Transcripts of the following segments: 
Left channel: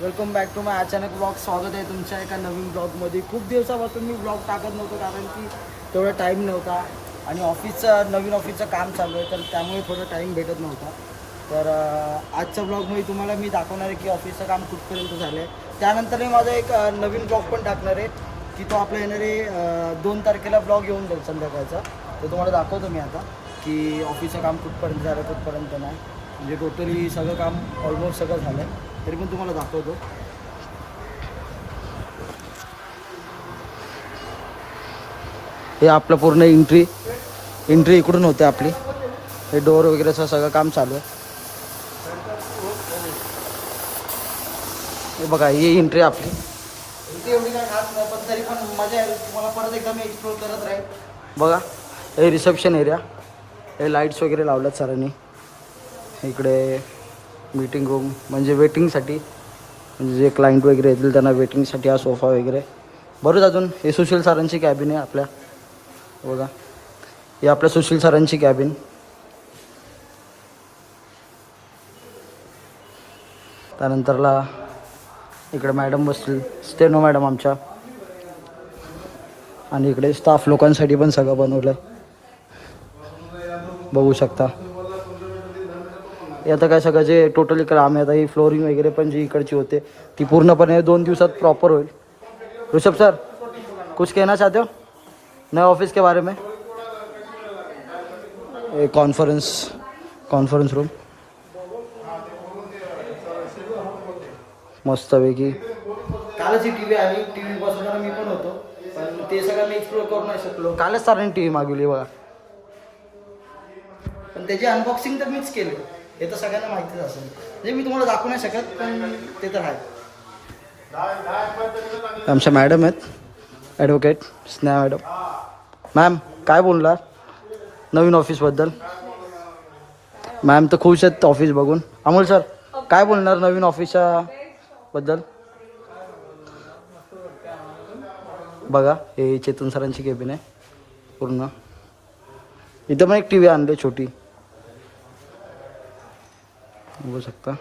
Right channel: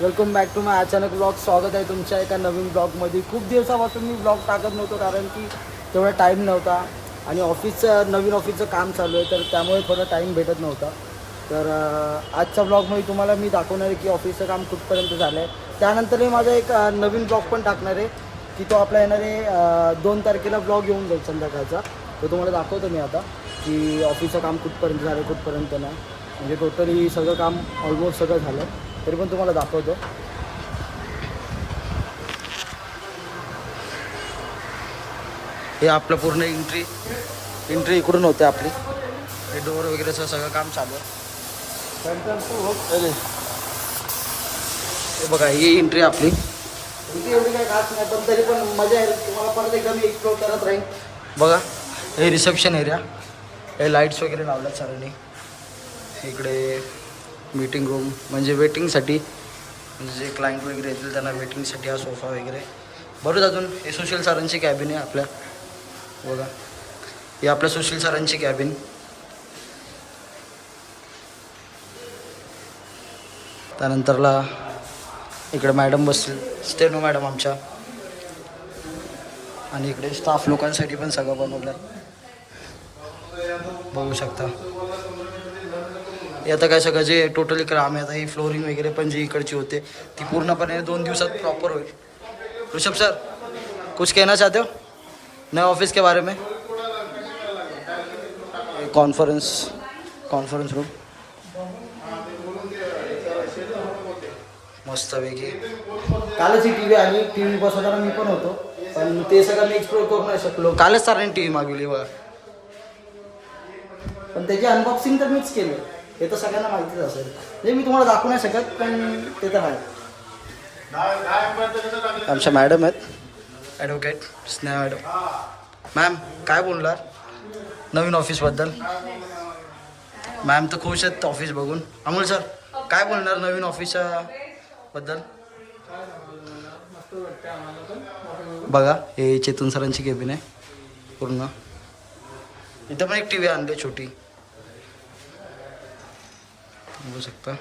Welcome back to माय अचानक blog. स्वागत आहे तुमच्या एका नवीन ब्लॉगमध्ये. खूप दिवसापासून मी ब्लॉग टाकत नव्हतो कारण की तेवढा टाईम नव्हता आणि नवीन ऑफिसचं काम चालू आहे, तर त्यामुळे थोडा टाईम भेटत नव्हता. तर आजच्या ब्लॉगमध्ये तुम्हाला मी दाखवणार आहे की ऑफिसचं काम कुठपर्यंत झालं आहे. त्यानंतरही माझा एक नवीन ब्लॉग पण टाकणार आहे की तो आपला येणार आहे 2 तारखेला ब्लॉग येऊन जाईल संध्याकाळचा. तो तुम्हाला दाखवतो मी आता की ऑफिसचं काम कुठपर्यंत झालं कुठपर्यंत नाही. म्हणजे टोटली सगळं काम ऑलमोस्ट सगळं झालं आहे, तरी पण तुम्हाला दाखवतो. हे आपलं पूर्ण एंट्री इकडून होते आपली. हे डोअर वगैरेचं सगळं काम चालू आहे. हे बघा, ही एंट्री आपली. एंट्री एवढी काय खास नाही, पण तरी पण मजा आहे. तुम्हाला परत एकदा मी एक्सप्लोर करत राहील. बघा, हे रिसेप्शन एरिया. हे लाईट्स वगैरे लावल्यात सरांनी. इकडे मीटिंग रूम म्हणजे वेटिंगसाठी, म्हणजे जे क्लायंट वगैरे येतील त्यांना वेटिंगसाठी हा सोफा वगैरे. बरोबर. अजून हे सुशील सरांची कॅबिन आहे आपल्या. बघा, हे आपल्या सुशील सरांची कॅबिन. त्यानंतरला इकडे मॅडम बसतील, स्टेनो मॅडम आमच्या. आणि इकडे स्टाफ लोकांसाठी पण सगळं बनवलं बघू शकता. हे आता काय सगळं जे टोटली काम आहे, आता ही फ्लोरिंग वगैरे पण जी इकडची होते ती पूर्णपणे 2 दिवसात प्रॉपर होईल. ऋषभ सर, कुछ कहना चाहते हो नए ऑफिस के बारे में? कॉन्फरन्स रूम मस्तपैकी. कालच ही टी व्ही आली. टी व्ही बसवताना मी पण होतो, पण ते सगळं मी एक्सप्लोर करू नाही शकलो. कालच सरांनी टी व्ही मागवली बघा, पण त्याची अनबॉक्सिंग तर मीच केलं. हे तर सगळ्यांना माहितीच असेल. म्हणजे मी तुम्हाला दाखवू नाही शकत, पण ते तर आहे. आमच्या मॅडम आहेत, ॲडव्होकेट स्नेहा मॅडम. मॅम, काय बोलणार नवीन ऑफिसबद्दल? मॅम तर खुश आहेत ऑफिस बघून. अमोल सर, काय बोलणार नवीन ऑफिसच्या बद्दल? बघा, हे चेतन सरांची केबिन आहे पूर्ण. इथं पण एक टी व्ही आणली छोटी, बघू शकता.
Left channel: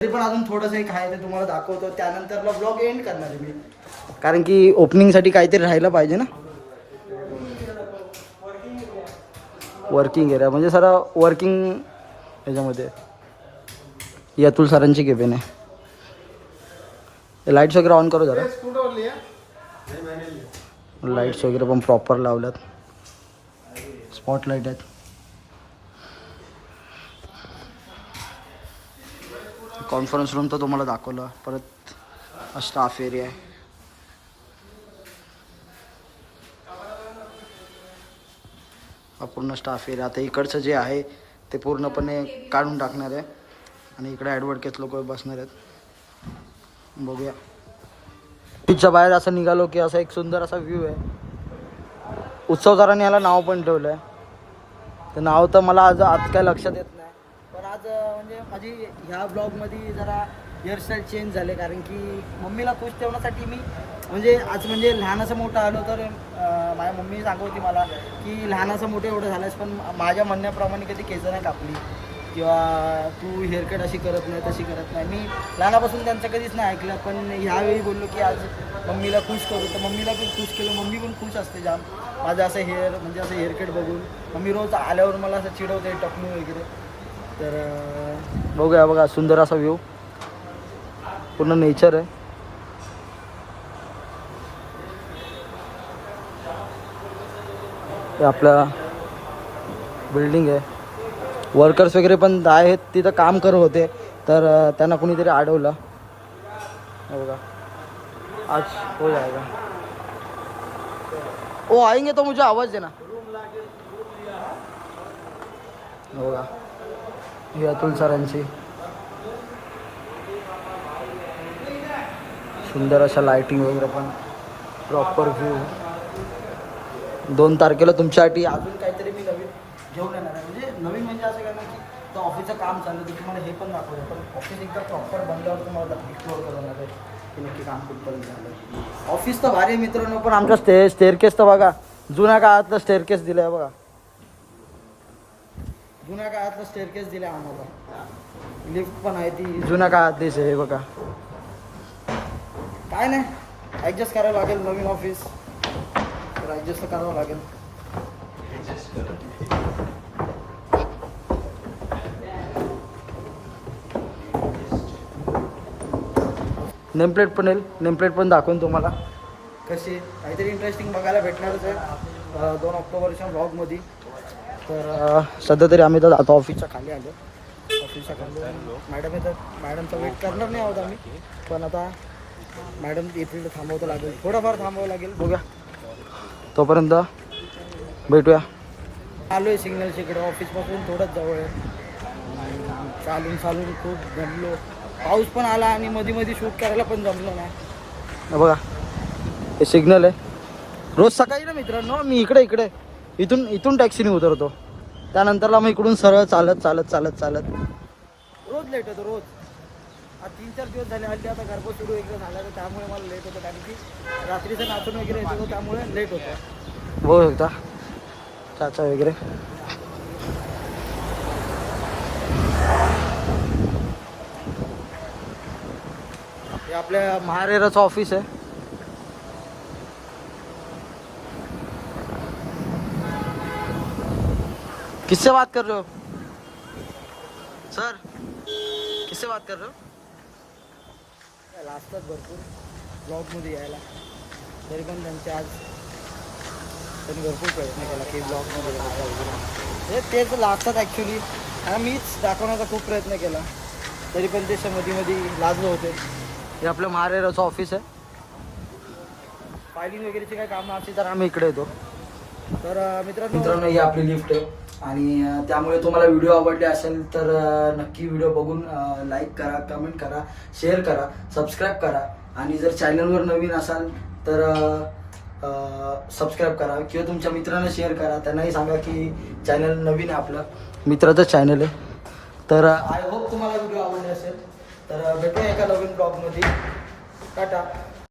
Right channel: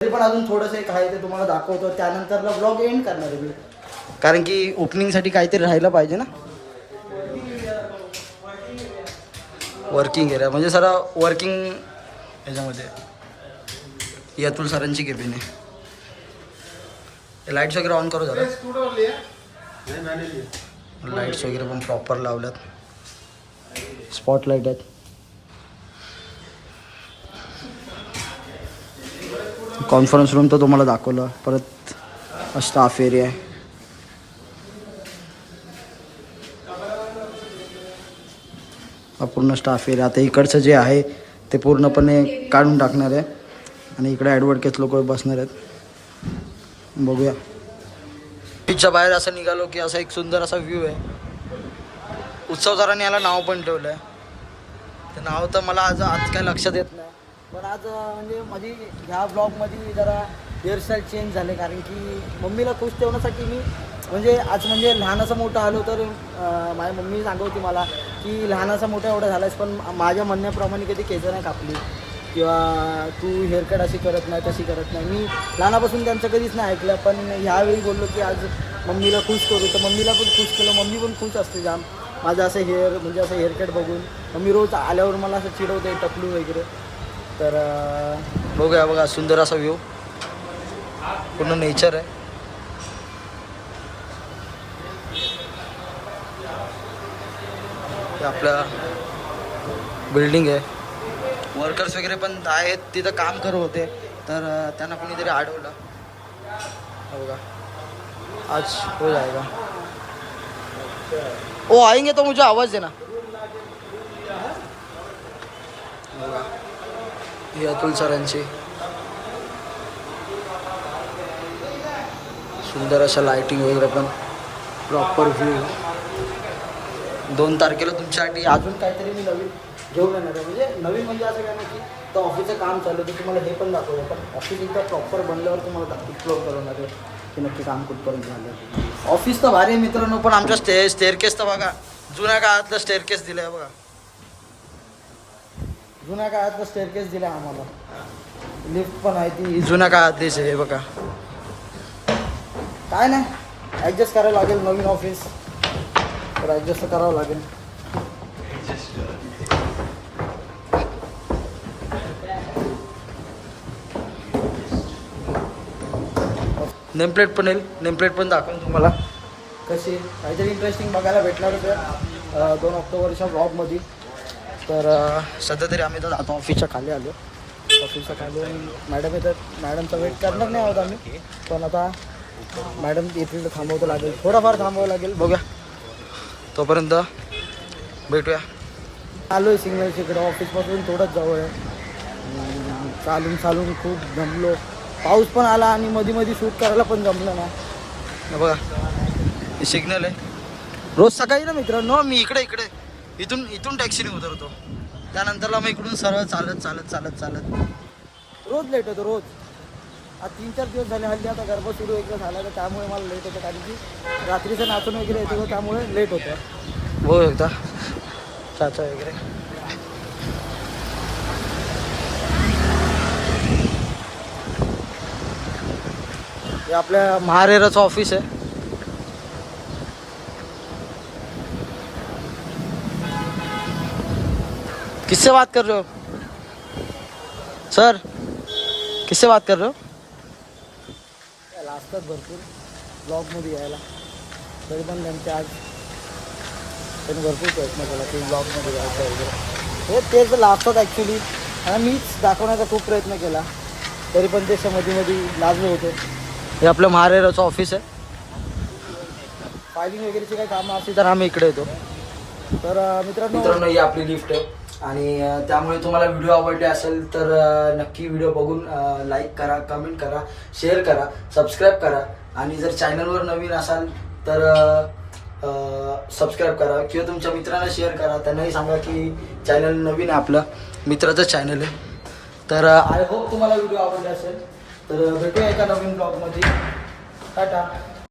तरी पण अजून थोडंसं एक आहे ते तुम्हाला दाखवतो. त्यानंतरला ब्लॉग एंड करणार आहे मी, कारण की ओपनिंगसाठी काहीतरी राहायला पाहिजे ना. वर्किंग एरिया म्हणजे सर वर्किंग ह्याच्यामध्ये. ही अतुल सरांची केबिन आहे. लाईट्स वगैरे ऑन करू जरा. लाईट्स वगैरे पण प्रॉपर लावल्यात, स्पॉटलाईट आहेत. कॉन्फरन्स रूम तर तुम्हाला दाखवलं. परत स्टाफ एरिया आहे. हा पूर्ण स्टाफ एरिया. आता इकडचं जे आहे ते पूर्णपणे काढून टाकणार आहे आणि इकडे ॲडव्होकेट लोक बसणार आहेत. बघूया. बीचच्या बाहेर असं निघालो की असा एक सुंदर असा व्ह्यू आहे. उत्सवदारांनी याला नाव पण ठेवलं आहे. ते नाव तर मला आज काय लक्षात येत नाही, पण आज म्हणजे माझी ह्या ब्लॉगमध्ये जरा हेअरस्टाईल चेंज झाले, कारण की मम्मीला खुश ठेवण्यासाठी मी म्हणजे आज म्हणजे लहानाचं मोठं आलो तर माझ्या मम्मी सांगत मला की लहानाचं मोठं एवढं झालंस, पण माझ्या म्हणण्याप्रमाणे कधी केसं नाही कापली किंवा तू हेअरकट अशी करत नाही तशी करत नाही. मी लहानापासून त्यांचं कधीच नाही ऐकलं, पण ह्यावेळी बोललो की आज मम्मीला खुश करू, तर मम्मीला पण खुश केलं. मम्मी पण खुश असते जाम माझं असं म्हणजे असं हेअरकट बघून. मम्मी रोज आल्यावर मला असं चिडवते टकलू वगैरे. तर बघूया. बघा, सुंदर असा व्ह्यू, पूर्ण नेचर आहे. हे आपल्या बिल्डिंग आहे. वर्कर्स वगैरे पण आहेत तिथं काम करत होते, तर त्यांना कुणीतरी अडवलं. बघा, आज हो जाएगा. ओ आएंगे तो मुझे आवाज देना. बघा, ही अतुल सरांची सुंदर अशा लाईटिंग वगैरे पण प्रॉपर व्ह्यू. 2 तारखेला तुमच्यासाठी अजून काहीतरी मी नवीन घेऊन येणार आहे. म्हणजे नवीन म्हणजे असं काय नाही की तर ऑफिसचं काम चाललं की तुम्हाला हे पण दाखवलं, पण ऑफिस एकदा प्रॉपर बनल्यावर तुम्हाला एक्सप्लोर करणार आहे की नक्की काम कुठपर्यंत झालं. ऑफिस तर भारी आहे मित्रांनो, पण आमच्या स्टेअरकेस तर बघा, जुन्या काळातलं स्टेअरकेस दिलं आहे बघा. जुन्या काळातलं स्टेअरकेस दिलं आहे आम्हाला. लिफ्ट पण आहे ती जुन्या काळातलीच आहे बघा. काय नाही, ॲडजस्ट करावं लागेल. नवीन ऑफिस तर ॲडजस्ट करावं लागेल. नेमप्लेट पण येईल, नेमप्लेट पण दाखवून तुम्हाला कशी काहीतरी इंटरेस्टिंग बघायला भेटणारच आहे 2 ऑक्टोबरच्या ब्लॉगमध्ये. तर सध्या तरी आम्ही तर आता ऑफिसच्या खाली आलो. ऑफिसच्या खाली मॅडम येतात, मॅडमचा वेट करणार नाही आहोत आम्ही, पण आता मॅडम येथील तर थांबवतं लागेल, थोडाफार थांबावं लागेल. बघूया, तोपर्यंत भेटूया. आलो आहे सिग्नलच्या इकडे, ऑफिसपासून थोडंच जवळ आहे. चालून खूप जमलो. पाऊस पण आला आणि मध्ये शूट करायला पण जमलं नाही. बघा हे सिग्नल आहे. रोज सकाळी ना मित्रांनो मी इकडे इथून टॅक्सीने उतरतो, त्यानंतरला मग इकडून सरळ चालत रोज लेट होतो रोज. आज 3-4 दिवस झाले. हल्ली आता गरबा सुरू वगैरे झाला तर त्यामुळे मला लेट होतं, कारण की रात्रीचं नाचून वगैरे येतो त्यामुळे लेट होतं. हो एकदा चाचा वगैरे. हे आपल्या महारेराचं ऑफिस आहे. किससे बात कर रहे हो सर? किससे बात कर रहे हो? लाजतात भरपूर ब्लॉगमध्ये यायला, तरी पण त्यांनी भरपूर प्रयत्न केला की ब्लॉगमध्ये यायचा वगैरे. तेच लाजतात ॲक्च्युली, आणि मीच दाखवण्याचा खूप प्रयत्न केला, तरी पण ते मध्ये लाजले होते. हे आपलं महारेराचं ऑफिस आहे. फायलिंग वगैरेची काही कामं असतील तर आम्ही इकडे येतो. तर मित्रांनो ही आपली लिफ्ट आहे, आणि त्यामुळे तुम्हाला व्हिडिओ आवडले असेल तर नक्की व्हिडिओ बघून लाईक करा, कमेंट करा, शेअर करा, सबस्क्राईब करा. आणि जर चॅनलवर नवीन असाल तर सबस्क्राईब करा, किंवा तुमच्या मित्रांना शेअर करा, त्यांनाही सांगा की चॅनल नवीन आहे, आपलं मित्राचं चॅनल आहे. तर आय होप तुम्हाला व्हिडिओ आवडले असेल. तर भेटूया एका नवीन ब्लॉगमध्ये. टाटा.